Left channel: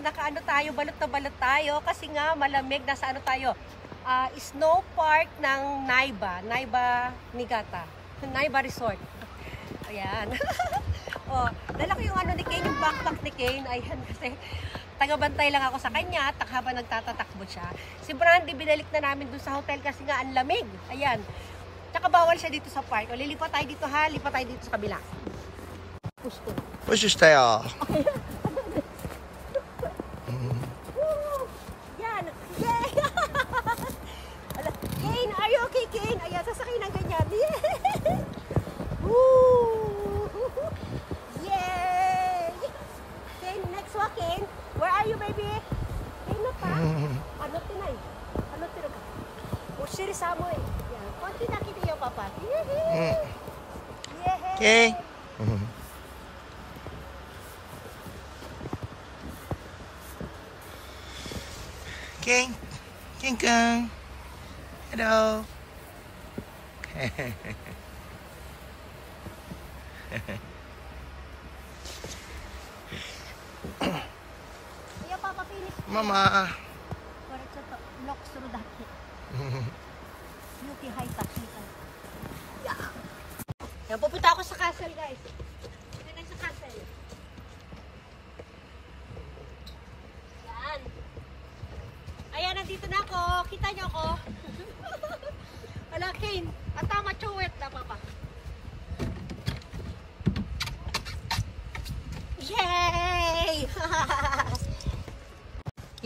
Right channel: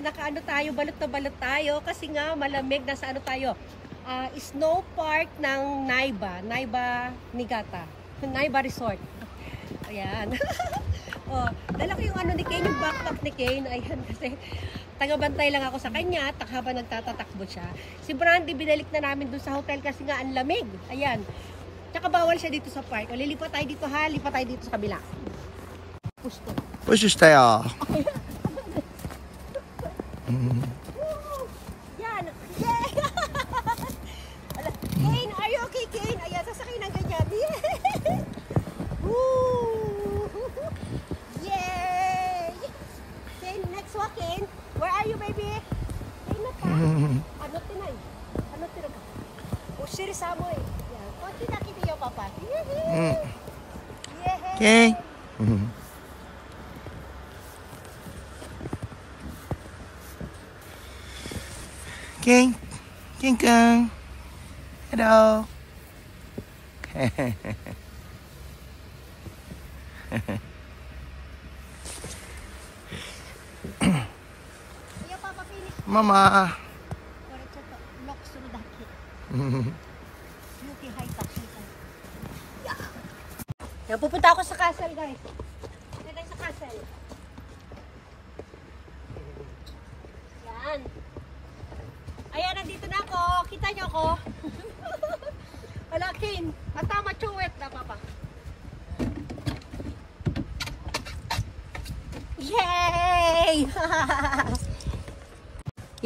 Ayan, nakaano tayo, balot na balot tayo kasi nga malamig. Nasa ano tayo? Snow Park ng Naiba. Naiba Niigata. Naiba Resort. Ayan. Oh, dala ko yung ano ni Kane, yung backpack ni Kane. Ayan, kasi tagabantay lang ako sa kanya at habang nagtatatakbo siya. Si Brandy, binalik na namin dun sa hotel kasi nga ang lamig. Ayan. Tsaka bawal siya dito sa park. O, lilipat tayo dito ha. Lipat tayo dito sa kabila. Pusto. Pusto. Yan. Yay! Kane, are you okay, Kane? Ayan, sasakay ng ganyan. Yay! Kane, next one, Kane. Where are you, baby? Kane na pa? Ano tinay? Ano tinay? O, sirisa mo eh. Yan. Konti nakita yung papa. Yay! Okay. King. King Kong. Hello. Mama. Yan, pupunta ako sa castle, guys. Pupunta tayo sa castle. Yan. Ayan, nandito na ako. Kita niyo ako. Wala, Kane. At tama, chuwet na, papa. Yay!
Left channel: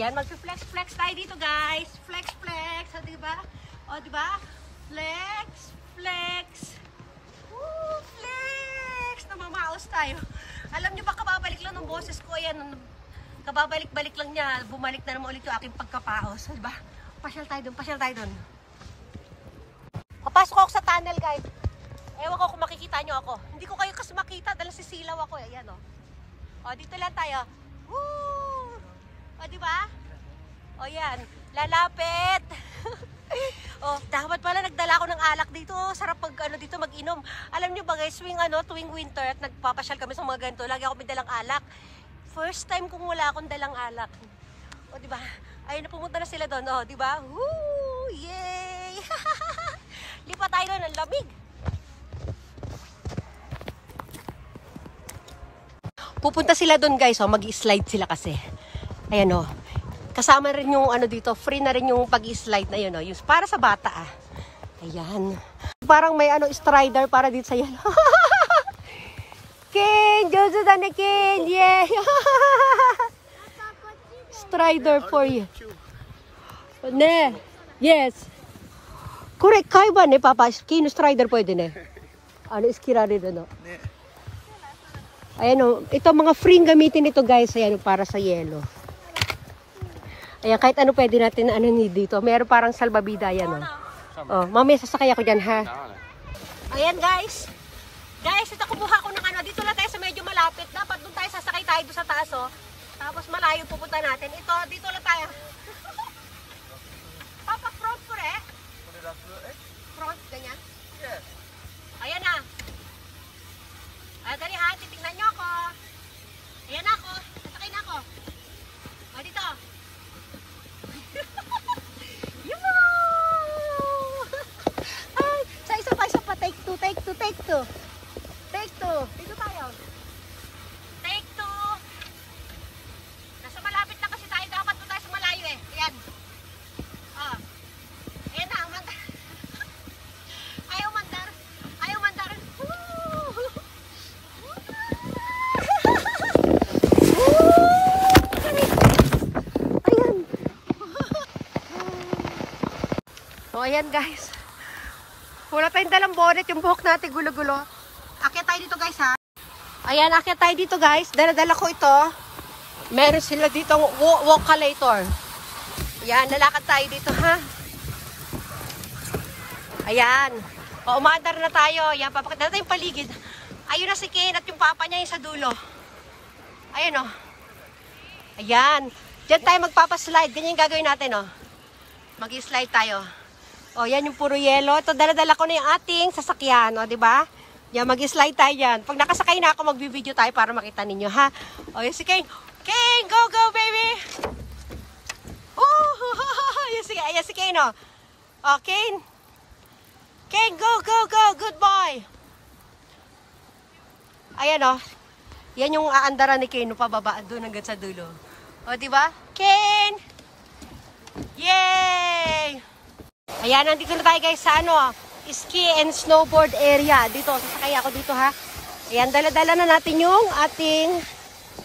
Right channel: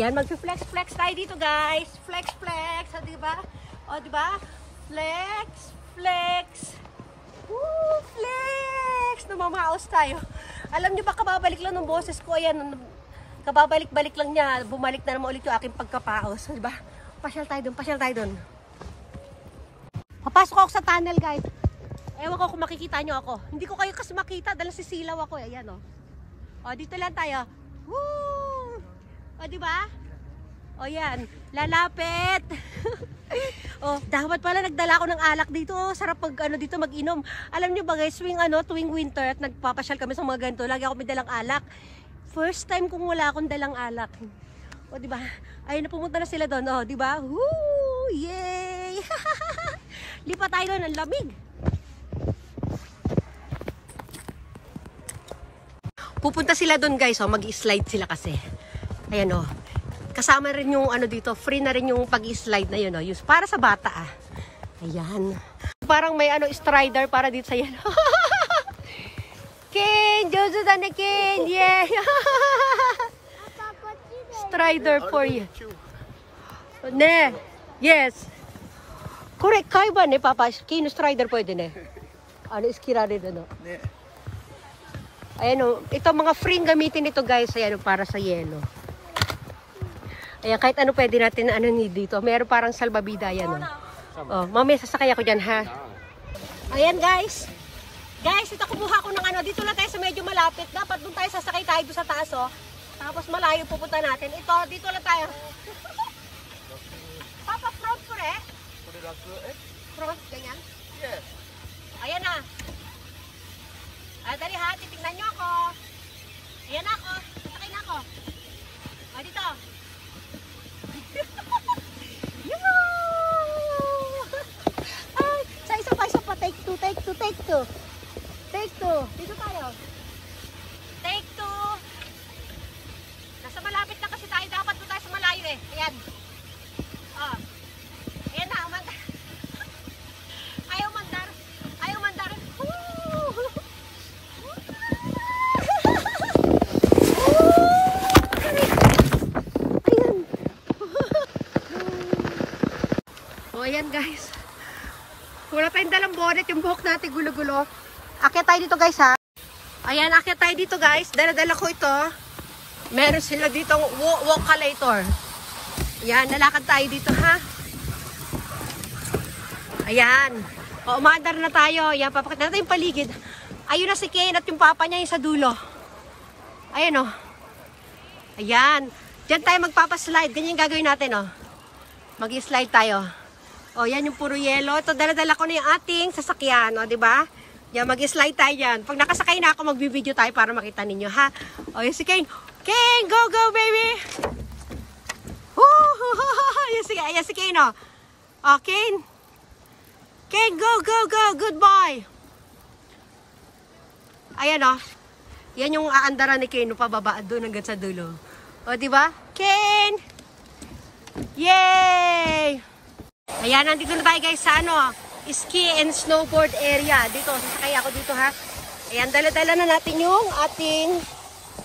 Yan, mag-flex-flex tayo dito, guys. Flex-flex. O, diba? O, diba? Flex-flex. Woo! Flex! Namamaos tayo. Alam niyo ba, kababalik lang ng boses ko. Ayan, kababalik-balik lang niya. Bumalik na naman ulit yung aking pagkapaos. Diba? Pasyal tayo dun. Pasyal tayo dun. Papasok ako sa tunnel, guys. Ewan ko kung makikita nyo ako. Hindi ko kayo kasi makita dahil sisilaw ako. Ayan, o. O, dito lang tayo. Woo! O, diba? O, yan. Lalapit. Oh, dapat pala nagdala ako ng alak dito. Sarap pag ano dito mag-inom. Alam niyo ba guys, tuwing winter at nagpapasyal kami sa mga ganito, lagi ako may dalang alak. First time kung wala akong dalang alak. O, di ba? Ayun na, pumunta na sila doon. O, di ba? Woo! Yay! Lipat tayo doon, ang lamig. Pupunta sila doon, guys. O, mag-slide sila kasi. Ayan, o. Kasama rin yung ano dito, free na rin yung pag-slide na yun, no? Yung para sa bata, ah. Ayan. Parang may ano, strider para dito sa yan. King! Jojo na ni King! Yeah! Strider for you. Ne! Yes! Correct, kayo ba ne, Papa? Kino strider pwede ne? Ano, iskira dito, no? Ayan, o. Ito, mga free gamitin ito, guys. Ayan, o, para sa yelo. Ayan, kahit ano pwede natin na ano dito. Meron parang salbabida yan. Oh, mamaya sasakay ako dyan, ha? Ayan, guys. Guys, ito kumuha ko ng ano. Dito lang tayo sa medyo malapit. Dapat doon tayo sasakay tayo doon sa taas, oh. Tapos malayo pupunta natin. Ito, dito lang tayo. Papa, front ko rin. Front, ganyan? Yes. Ayan na. Dali ha, titignan nyo ako. Ayan na ako. Sasakay na ako. O, dito. Take two. Dito tayo. Take two. Nasa malapit na kasi tayo. Dapat doon tayo sa malayo eh. Ayan. Oh. Ayan na. Umandar. Ayaw mandar. Ayaw mandar. Ayan. Oh, ayan guys. Wala tayong dalang bonnet, yung buhok natin gulo-gulo. Akyat tayo dito guys ha. Ayan, akyat tayo dito guys. Dala-dala ko ito. Meron sila dito walkalator. Ayan, lalakad tayo dito ha. Ayan. O, umaandar na tayo. Ayan, papakita natin yung paligid. Ayun na si Kane at yung papa niya yung sa dulo. Ayan o. Ayan. Diyan tayo magpapaslide. Ganyan yung gagawin natin o. Mag-slide tayo. O, yan yung puro yelo. Ito, dala-dala ko na yung ating sasakyan. O, diba? Yan, mag-slide tayo yan. Pag nakasakay na ako, magbibideo tayo para makita ninyo, ha? O, yan si Kane. King, go, go, baby! Ayan si Kane, oh. Oh, Kane. Kane, go, go, go. Good boy. Ayan, oh. Yan yung aandaran ni Kane, pababa doon hanggang sa dulo. O, diba? Kane! Yay! Ayan, nandito na tayo guys sa ano, ski and snowboard area. Dito, sasakay ako dito ha. Ayan, dala-dala na natin yung ating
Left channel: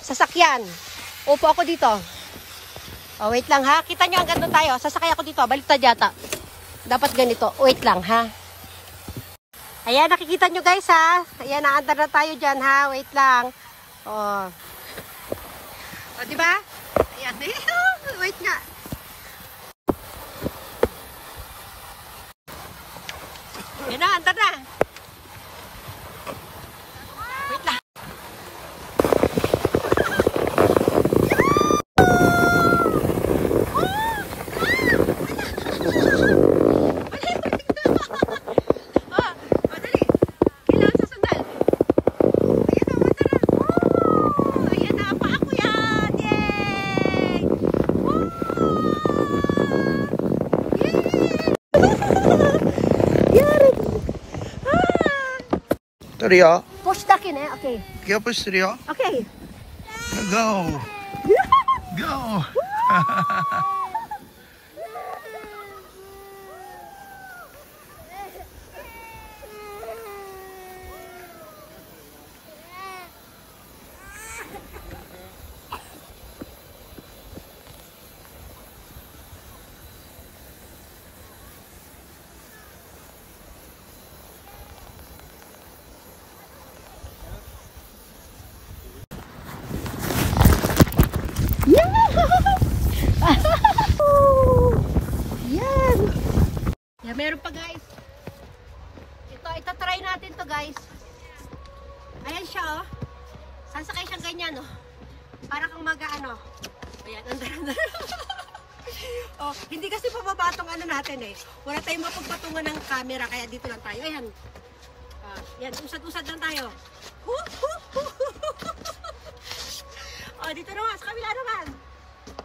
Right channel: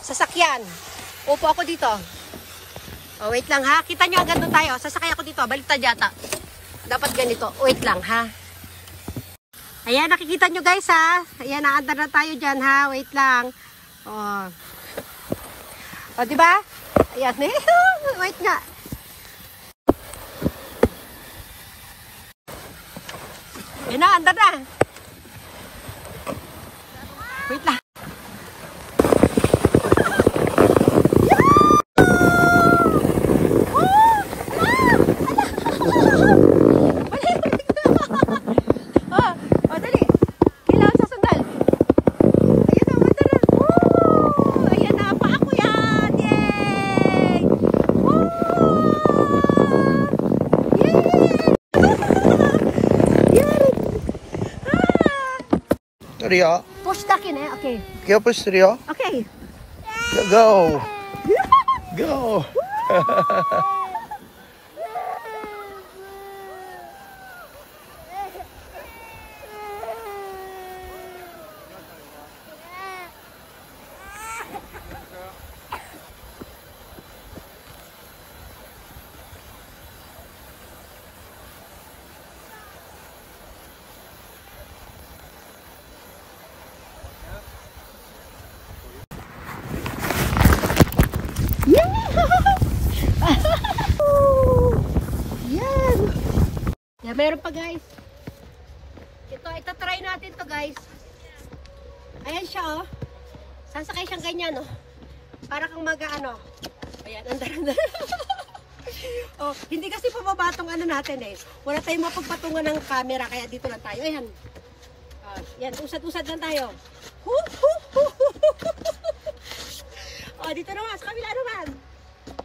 sasakyan. Upo ako dito. Oh, wait lang ha. Kita nyo hanggang doon tayo. Sasakay ako dito. Baliktad yata. Dapat ganito. Wait lang ha. Ayan, nakikita nyo guys ha. Ayan, naandar na tayo dyan ha. Wait lang. Oh. O, diba? Ayan. Wait nga. Ayan na, andar na. Wait lang. Rio. Push the kin eh. Okay. Kaya push Rio. Okay. Go. Go. Yan, meron pa guys. Ito try natin to guys. Ayan siya oh. Sasakay siyang ganyan oh. Para kang ano. Ayan, andar. Oh, hindi kasi papabatong ano natin eh. Wala tayong mapagpatungan ng camera kaya dito lang tayo. Ayan. Yan, usad-usad lang tayo. Oh, dito naman, sa kabila naman.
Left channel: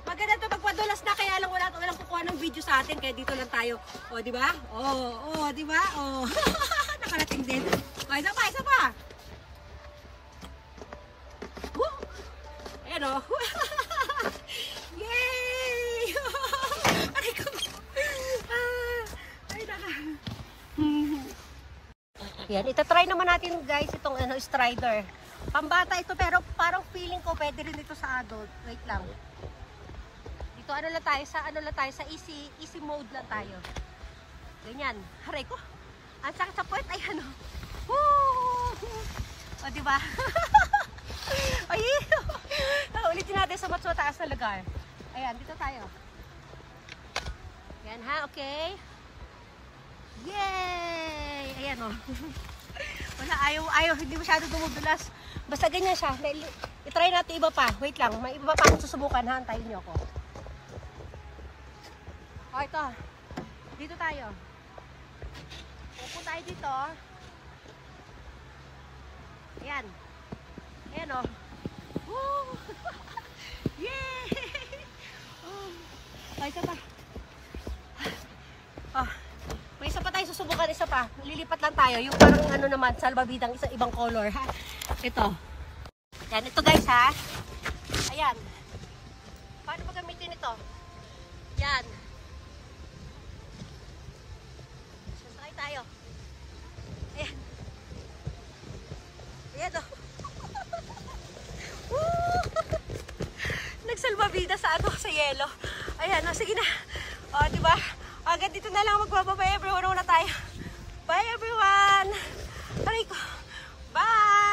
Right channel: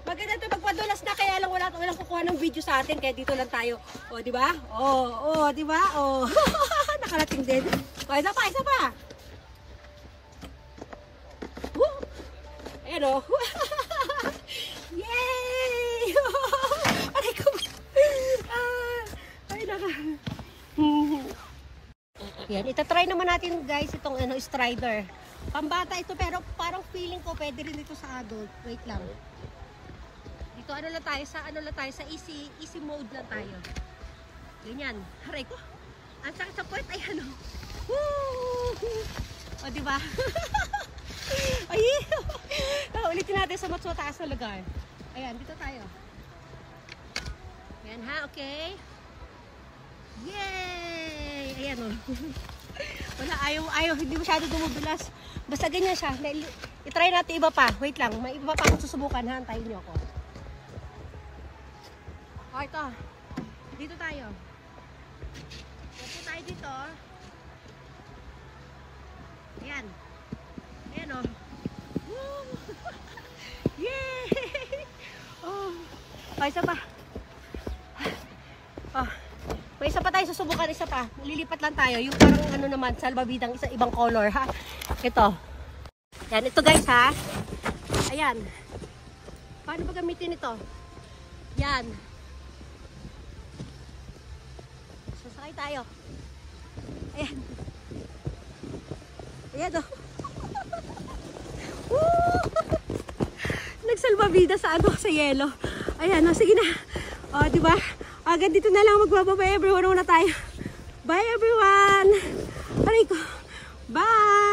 Maganda ito magpadulas na kaya lang walang kukuha ng video sa atin kaya dito lang tayo. O, di ba? O, di ba? O. Nakarating din. O, isa pa. Woo! Ayan o. Yay! Aray ko. Ay, naka. Yan, itatry naman natin guys itong strider. Pambata ito pero parang feeling ko pwede rin ito sa adult. Wait lang. Dito ano lang tayo sa easy mode lang tayo. Ganyan. Haray ko. Ang sakit sa puwet ay ano. Woo! O di ba? Ay. Ulitin natin sa mas mataas na lugar. Ayan, dito tayo. Yan ha, okay. Yay! Ayan o. Wala, ayaw, hindi masyado dumudulas. Basta ganyan siya. I-try natin iba pa. Wait lang, may iba pa akong susubukan ha. Antayin niyo ako. O, ito. Dito tayo. Upo tayo dito. Ayan. Ayan o. Woo! Yay! Oh. O, isa pa. May isa pa tayo susubukan, isa pa. Lilipat lang tayo. Yung parang ano naman, salbabidang ibang color ha. Ito. Yan, ito guys ha. Ayan. Paano ba gamitin ito? Yan. Sasakay tayo. Ayan. Ayan o. Nagsalbabida sa ano, sa yelo. Ayan o, sige na. O, diba? Agad dito na lang magbababay everyone na tayo. Bye everyone! Aray ko. Bye!